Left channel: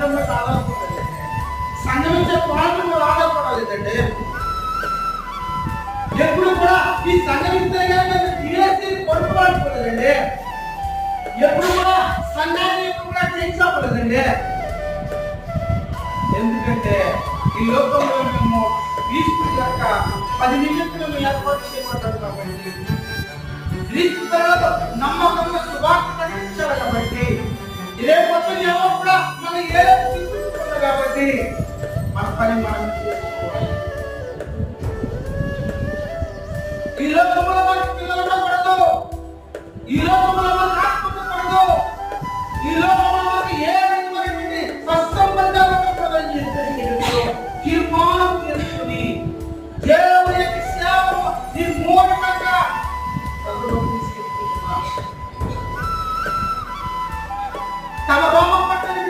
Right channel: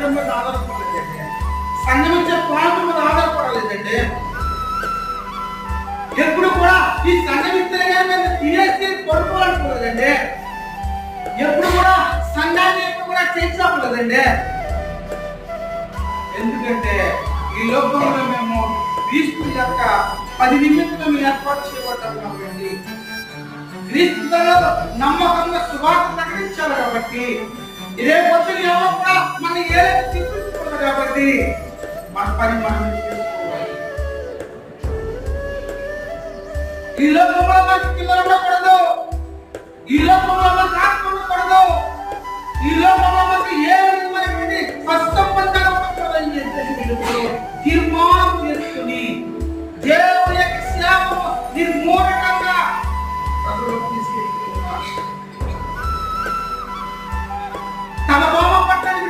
మందిరం మీద ఆధారపడలేదండి, సంఘం ఇచ్చే పాలన మీద ఆధారపడలేదండి. ఎప్పుడు కూడా ఈ సంఘం ఇస్తే తినేసి పడుకోవాలనుకోలేదండి. ఎప్పుడు కూడా సంఘాన్ని ఎప్పుడు కూడా చేయించలేదండి. ఎందుకంటే ఈ లోకంలో మేము క్రీస్తు యొక్క 10 నిమిత్తం ఏర్పాటు చేయబడ్డాం కాబట్టి, క్రీస్తులో నమ్మకంగా సువార్త ప్రకటించాలి కాబట్టి, ఇదే పొద్దున ఎవరు కూడా మన ఏదైనా తీసుకుంటారు కాబట్టి మన పని మనం చేసుకోవాలి. ఈ లోకంలో మనకి పిల్లలు ఉండకూడదు, ఈ లోకంలో మనకు ఆత్మ ఉండకూడదు, ఈ లోకంలో